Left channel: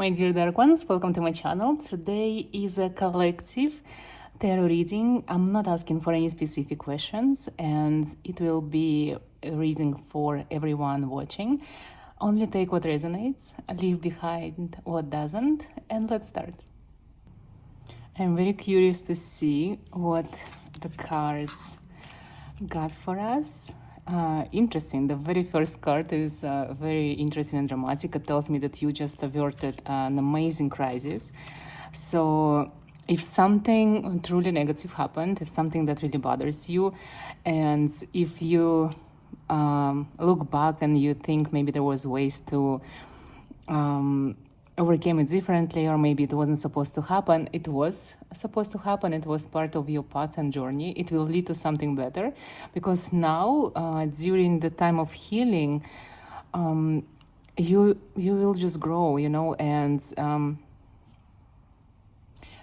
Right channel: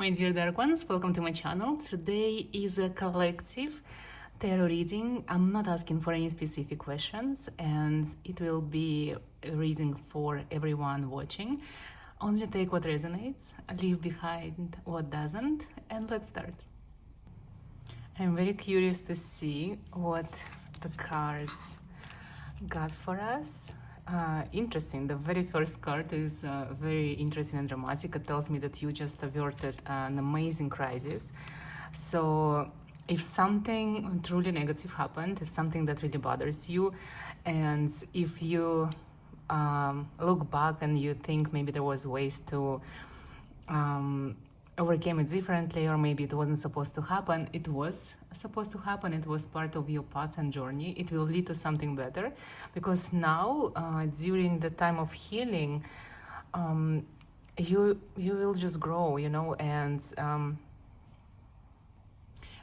My dear dark ones, welcome to my channel. Today is a collective tarot reading. I'm not asking for any specific questions, and it will be a reading for everyone watching. Only take what resonates, leave behind what doesn't, and let's start. I'm very curious to see what the cards got for us. Interesting. The very first card is very interesting and dramatic. It tells me that you just averted an amazing crisis. So if something truly negative happened, if something that really bothers you, and if you look back and you think maybe there was ways to overcame it differently, or maybe it wasn't supposed to happen, it was supposed to happen. It was part of your path and journey. It will lead to something better, because now during the time of healing, you will just grow, and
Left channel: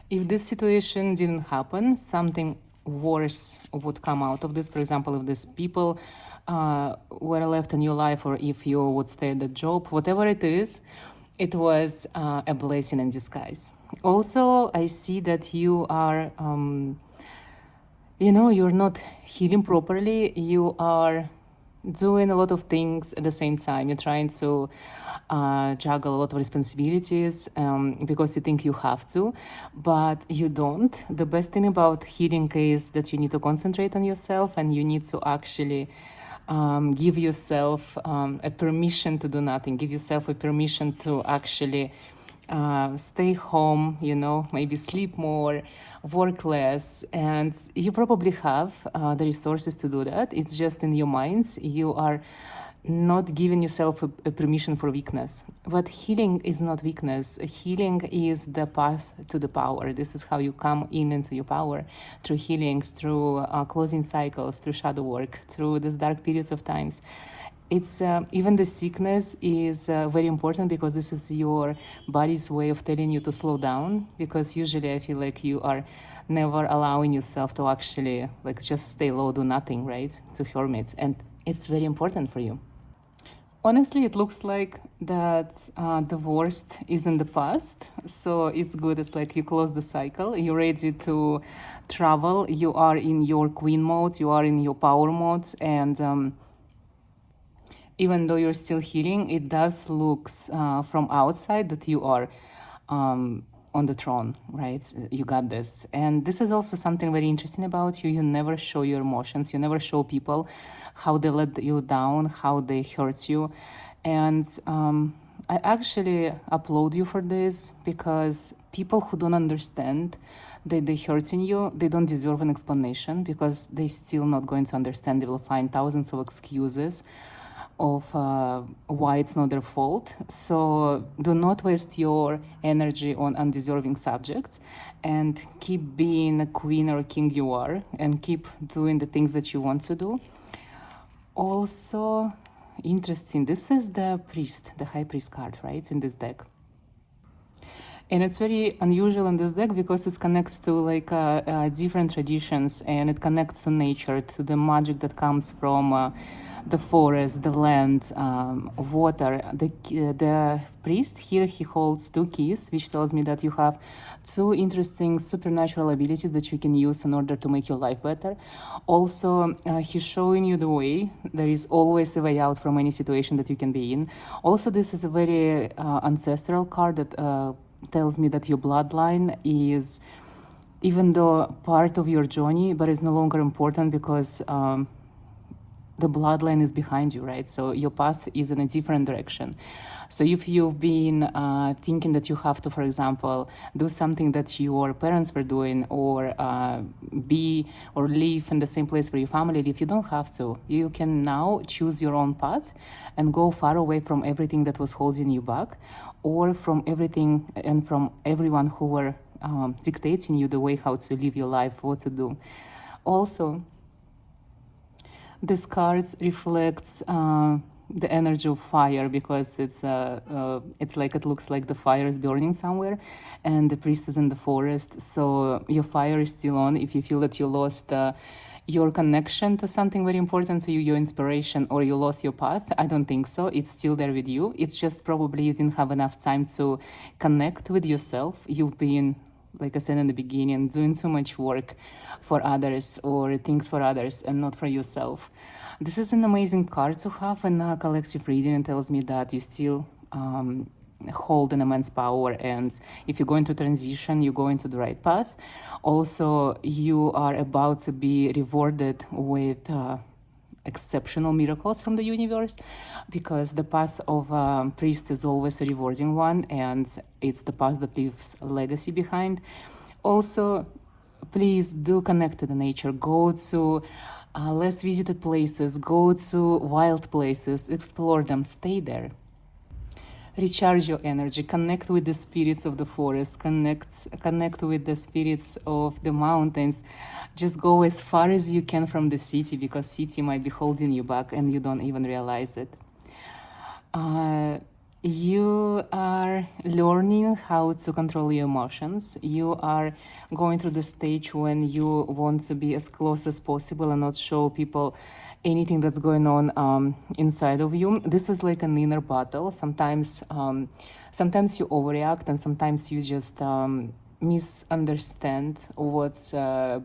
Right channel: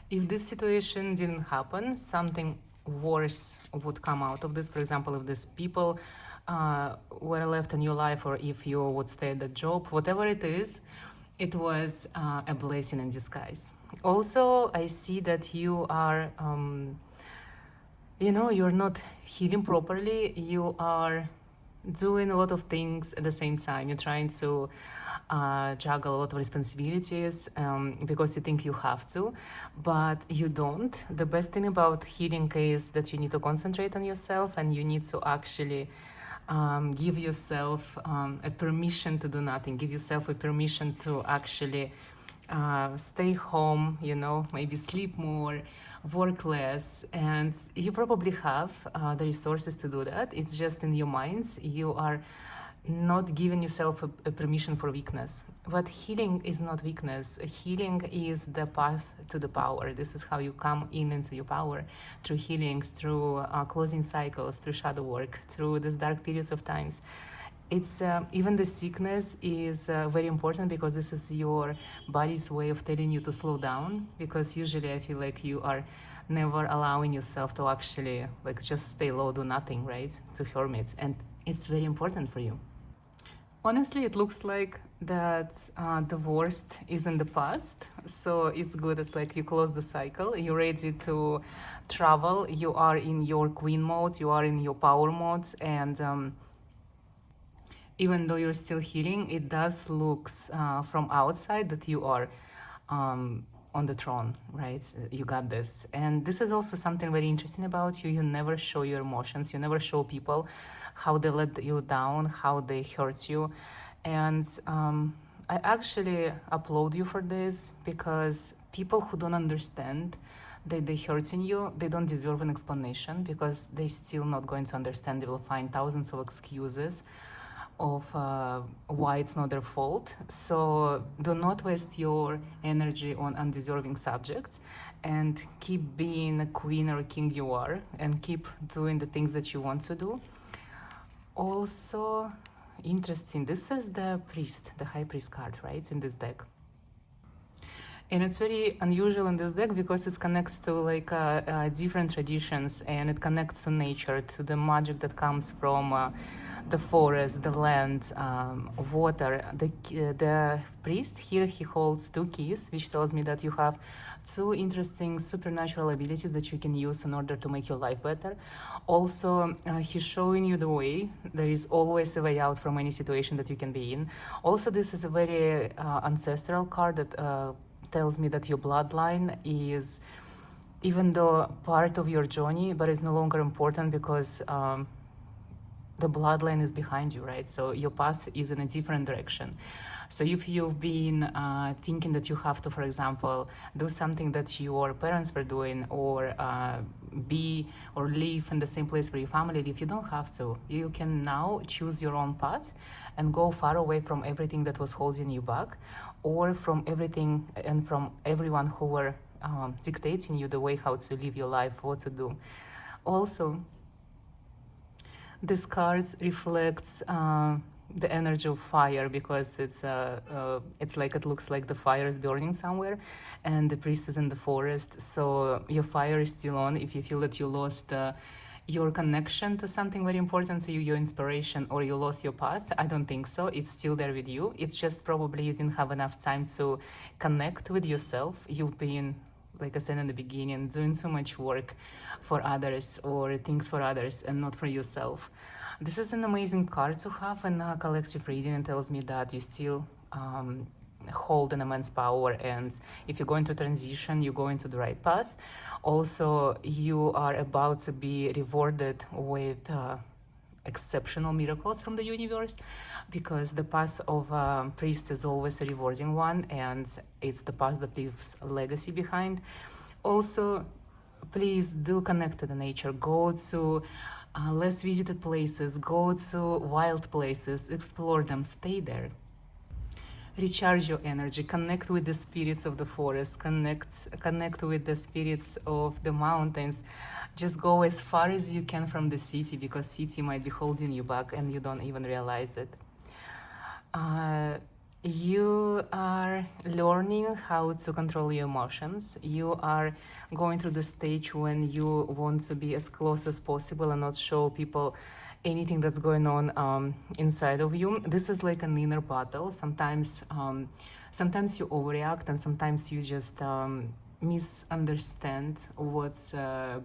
if this situation didn't happen, something worse would come out of this. For example, if these people were left in your life, or if you would stay at the job, whatever it is, it was a blessing in disguise. Also, I see that you are, you're not healing properly. You are doing a lot of things at the same time. You're trying to juggle a lot of responsibilities because you think you have to, but you don't. The best thing about healing is that you need to concentrate on yourself, and you need to actually give yourself a permission to do nothing. Give yourself a permission to actually stay home, maybe sleep more, work less, and you probably have the resources to do that. It's just in your minds. You are not giving yourself a permission for weakness. But healing is not weakness. Healing is the path to the power. This is how you come into your power, through healings, through closing cycles, through shadow work, through these dark periods of times. It's even the sickness is very important, because this is your body's way of telling you to slow down, because usually I feel like you are never allowing yourself to actually just stay low, do nothing, right? To hermit, and it's very important for you. Honestly, it looks like that the worst is in the past, so it's good. It's like you close the cycle, you're ready to travel, you are in your queen mode, you are in your power mode, and even though you're still healing, it does look from outside that you are on the throne, right? You got this. And this is also something very interesting about you. You never show your emotions. You never show people how they let you down, how they hurt you. And I actually applaud you for this, because people who don't understand that they're hurting you, they don't deserve an explanation, because they're still not going to understand. They will find thousands of excuses of why it's not their fault. So do not waste your energy on undeserving subjects, and keep being a queen or a king you are, and keep doing the things that you want to do. Also interesting, this is the priest, the high priest card, right, in this deck. And it's very unusual in this deck, because it connects to different traditions, and it connects to nature, to the magic that comes from the forest, the land, water. The priest here, he holds two keys, which tells me that you have two interesting supernatural abilities that you can use in order to make your life better. Also, he's showing you the way. There is always a way out from any situation that you can be in. Also, this is a very ancestral card that tells me that your bloodline is, even though part of your journey, but it's no longer important, because the bloodline is behind you, right? So your path is in a different direction. So if you've been thinking that you have to, for example, do something that your parents were doing, or be or live in the same place where your family live, you don't have to. You can now choose your own path and go far away from everything that was holding you back, or from everything and from everyone who were dictating you the way how to live your life, what to do. Also, this cards reflects the energy of fire, because it's like, it looks like the fire is burning somewhere, and the priest is in the forest. So your fire is still on. If you feel that you lost your connection to something very important to you, your inspiration, or you lost your path. I don't think so. It's still there with you. It's just probably you didn't have enough time to connect with yourself. You've been, like I said in the beginning, doing too much work for others or things for others and not for yourself. This is an amazing card to have in a collective reading. It tells me that you still hold an immense power, and if you go into transition, you go into the right path. Also, you are about to be rewarded with exceptional miracles from the universe, because the path of a priest is always a rewarding one, and it's the path that leaves a legacy behind. Also, please do connect to the nature. Go to less visited places, go to wild places, explore them, stay there. Recharge your energy, connect with the spirits of the forest, connect with the spirits of the mountains. Just go as far as you can from the city, because city might be holding you back and you don't even realize it. You are learning how to control your emotions. You are going through the stage when you want to be as close as possible and not show people anything that's going on inside of you. This is like an inner battle. Sometimes you overreact, and sometimes you just misunderstand what's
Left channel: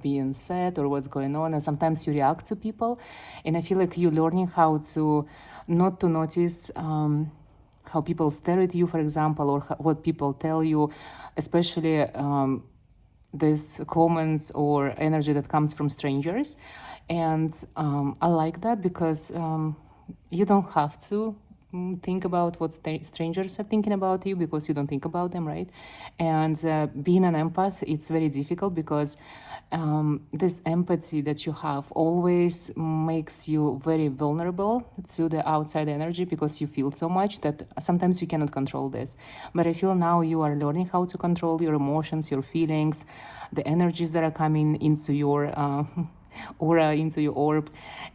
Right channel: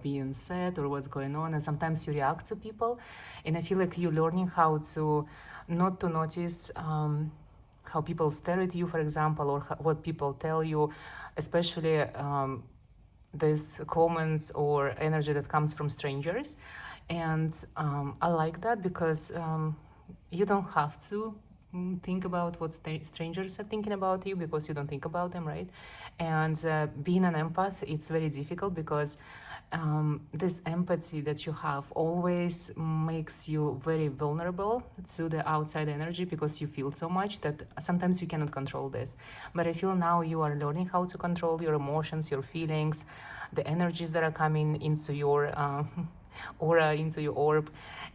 being said or what's going on, and sometimes you react to people. And I feel like you're learning how to not to notice how people stare at you, for example, or what people tell you, especially these comments or energy that comes from strangers. And I like that, because you don't have to think about what strangers are thinking about you, because you don't think about them, right? And being an empath, it's very difficult, because this empathy that you have always makes you very vulnerable to the outside energy, because you feel so much that sometimes you cannot control this. But I feel now you are learning how to control your emotions, your feelings, the energies that are coming into your aura, into your orb.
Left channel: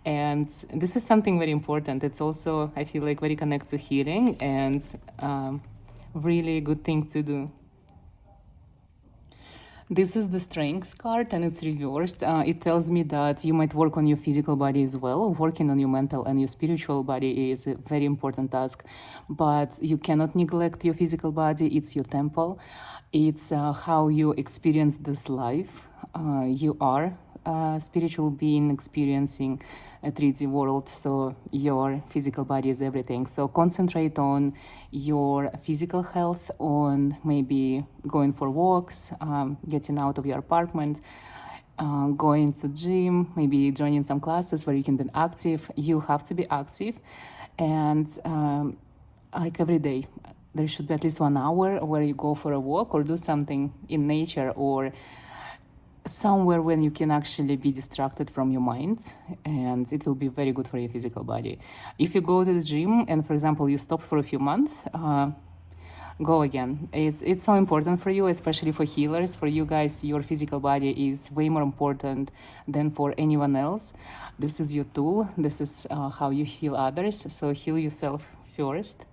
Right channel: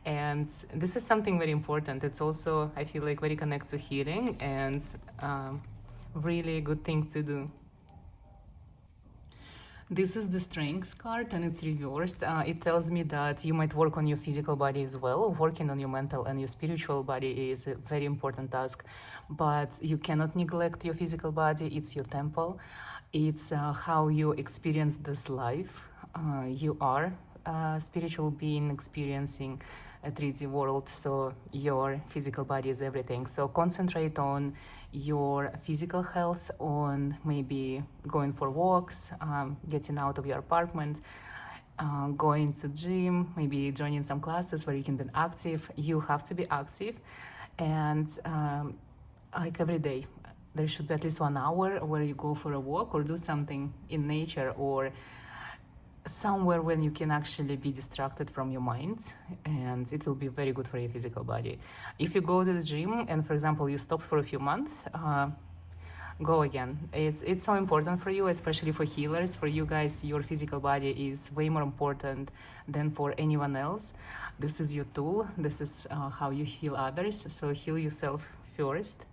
And this is something very important. It's also, I feel like, very connected to healing, and really good thing to do. This is the Strength card, and it's reversed. It tells me that you might work on your physical body as well. Working on your mental and your spiritual body is a very important task, but you cannot neglect your physical body. It's your temple. It's how you experience this life. You are a spiritual being experiencing a 3D world, so your physical body is everything. So concentrate on your physical health, on maybe going for walks, getting out of your apartment, going to gym, maybe joining some classes where you can be active. You have to be active, and like every day there should be at least 1 hour where you go for a walk or do something in nature, or somewhere when you can actually be distracted from your mind, and it will be very good for your physical body. If you go to the gym and, for example, you stop for a few months, go again. It's so important for you, especially for healers. For you guys, your physical body is way more important than for anyone else. This is your tool. This is how you heal others. So heal yourself first.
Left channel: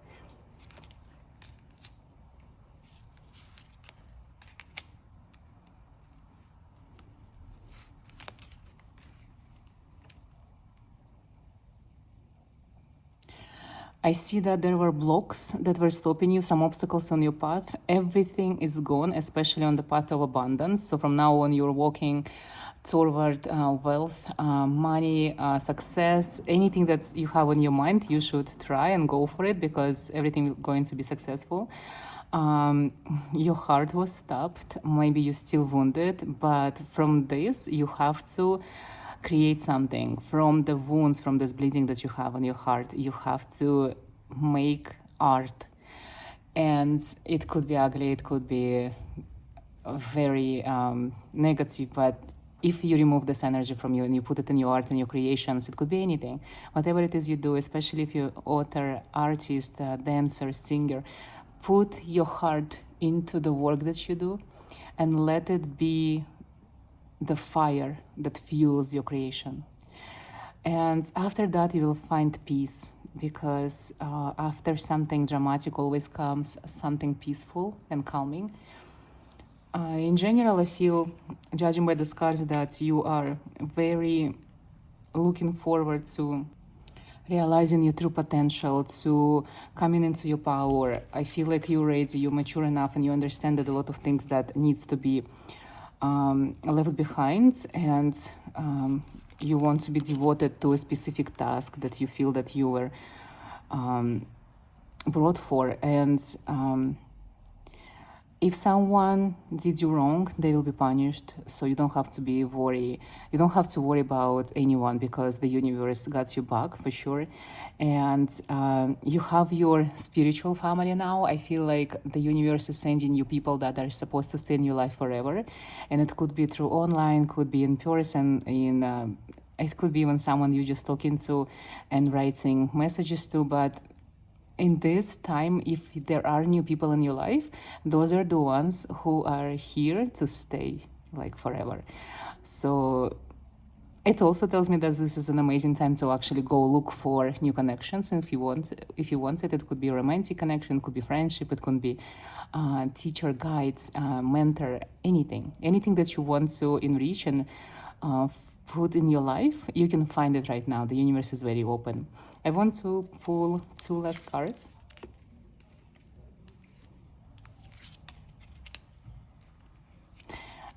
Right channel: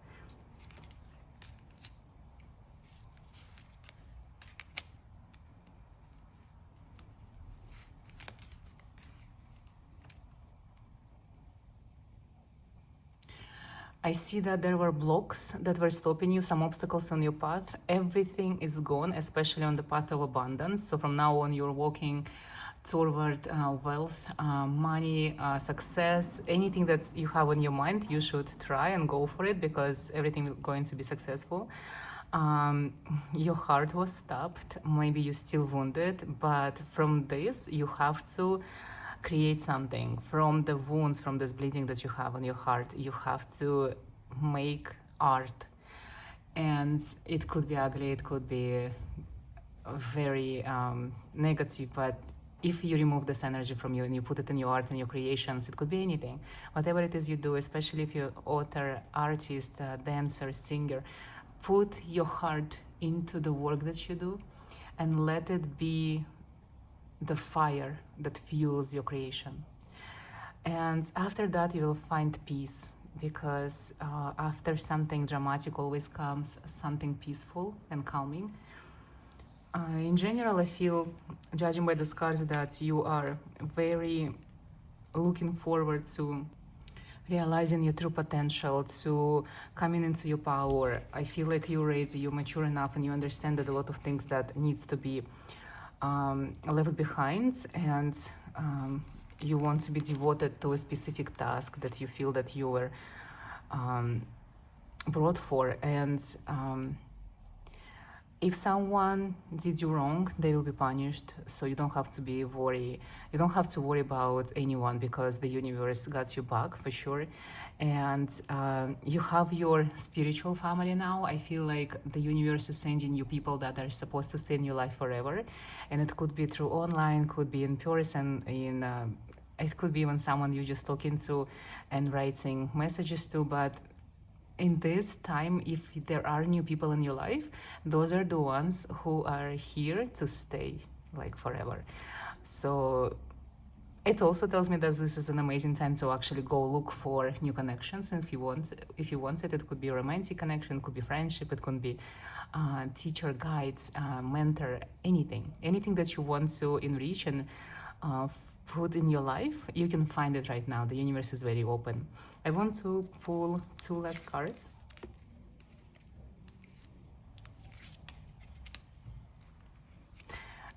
I see that there were blocks that were stopping you, some obstacles on your path. Everything is gone, especially on the path of abundance. So from now on, you're walking toward wealth, money, success. Anything that you have on your mind, you should try and go for it, because everything is going to be successful. Your heart was stopped. Maybe you're still wounded, but from this, you have to create something from the wounds, from this bleeding that you have on your heart. You have to make art, and it could be ugly, it could be very negative, but if you remove this energy from you and you put it in your art and your creations, it could be anything, whatever it is you do, especially if you're author, artist, dancer, singer, put your heart into the work that you do and let it be the fire that fuels your creation. And after that, you will find peace, because after something dramatic always comes something peaceful and calming. In general, I feel, judging by the cards, that you are very looking forward to realizing your true potential, to coming into your power. I feel like you're ready, you're mature enough, and you understand that a lot of things that needs to be left behind, and you want to be devoted to a specific task that you feel that you were brought for. And if someone did you wrong, they will be punished. So you don't have to be worry. You don't have to worry about anyone, because the universe got you back for sure. And you have your spiritual family now. I feel like the universe is sending you people that are supposed to stay in your life forever, and it could be through online, could be in person, it could be even someone you're just talking to and writing messages to. But in this time, if there are new people in your life, those are the ones who are here to stay like forever. So it also tells me that this is an amazing time to actually go look for new connections. And if you want it could be a romantic connection, it could be friendship, it could be teacher, guides, mentor, anything that you want to enrich and put in your life. You can find it right now. The universe is very open. I want to pull 2 last cards.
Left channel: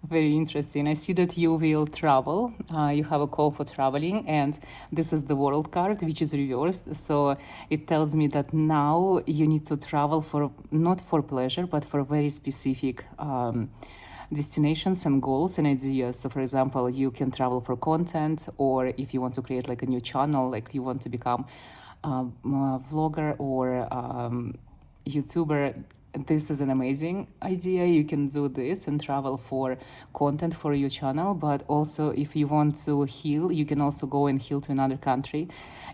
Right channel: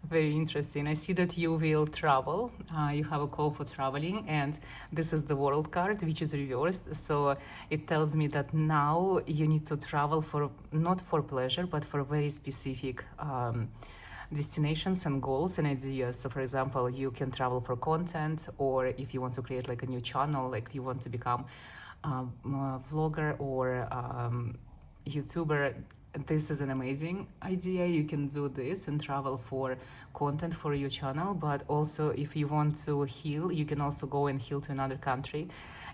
Very interesting. I see that you will travel. You have a call for traveling, and this is the World card, which is reversed. So it tells me that now you need to travel for, not for pleasure, but for very specific destinations and goals and ideas. So for example, you can travel for content, or if you want to create like a new channel, like you want to become a vlogger or YouTuber, this is an amazing idea. You can do this and travel for content for your channel. But also, if you want to heal, you can also go and heal to another country.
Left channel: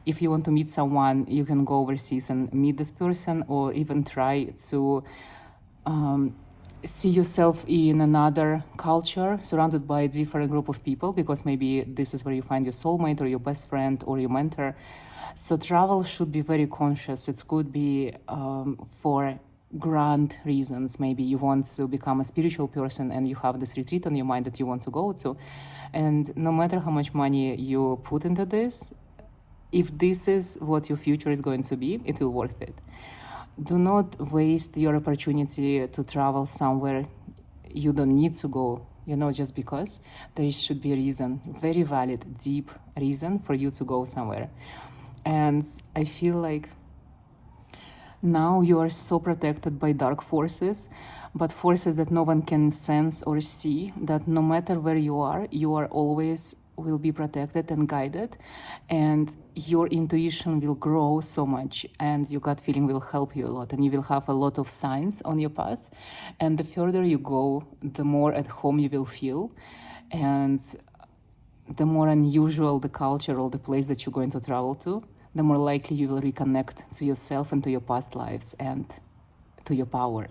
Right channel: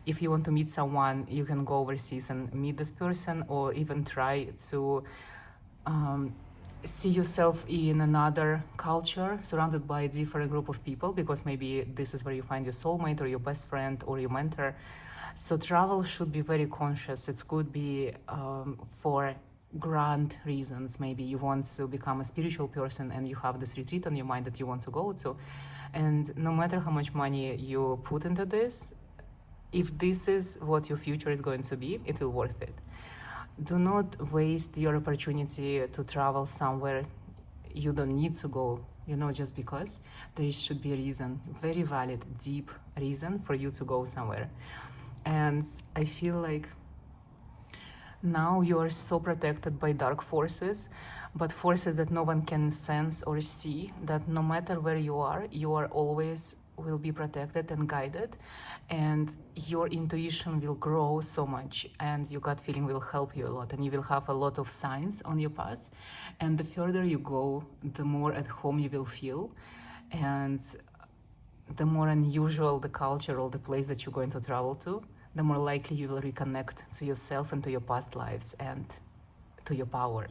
If you want to meet someone, you can go overseas and meet this person, or even try to see yourself in another culture, surrounded by a different group of people, because maybe this is where you find your soulmate or your best friend or your mentor. So travel should be very conscious. It could be for grand reasons. Maybe you want to become a spiritual person and you have this retreat on your mind that you want to go to. And no matter how much money you put into this, if this is what your future is going to be, it will be worth it. Do not waste your opportunity to travel somewhere you don't need to go, just because. There should be a reason, very valid, deep reason for you to go somewhere. And I feel like now you are so protected by dark forces, but forces that no one can sense or see, that no matter where you are always will be protected and guided, and your intuition will grow so much, and your gut feeling will help you a lot, and you will have a lot of signs on your path. And the further you go, the more at home you will feel, and the more unusual the culture or the place that you're going to travel to, the more likely you will reconnect to yourself and to your past lives and to your power.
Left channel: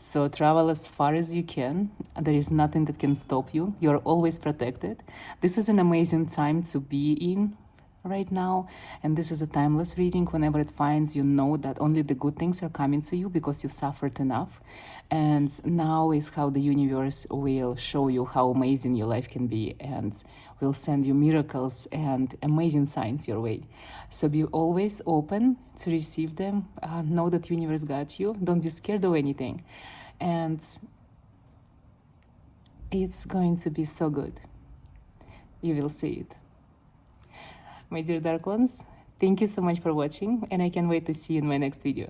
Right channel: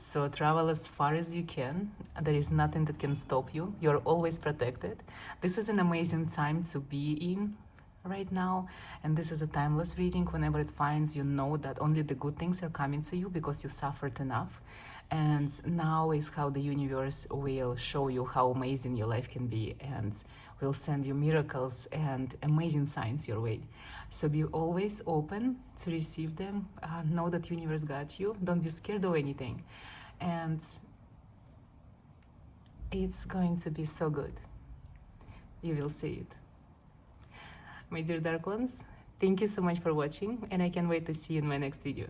So travel as far as you can. There is nothing that can stop you. You're always protected. This is an amazing time to be in right now. And this is a timeless reading. Whenever it finds, you know that only the good things are coming to you because you suffered enough. And now is how the universe will show you how amazing your life can be, and will send you miracles and amazing signs your way. So be always open to receive them. Know that universe got you. Don't be scared of anything. And it's going to be so good. You will see it. My dear dark ones, thank you so much for watching, and I can't wait to see you in my next video.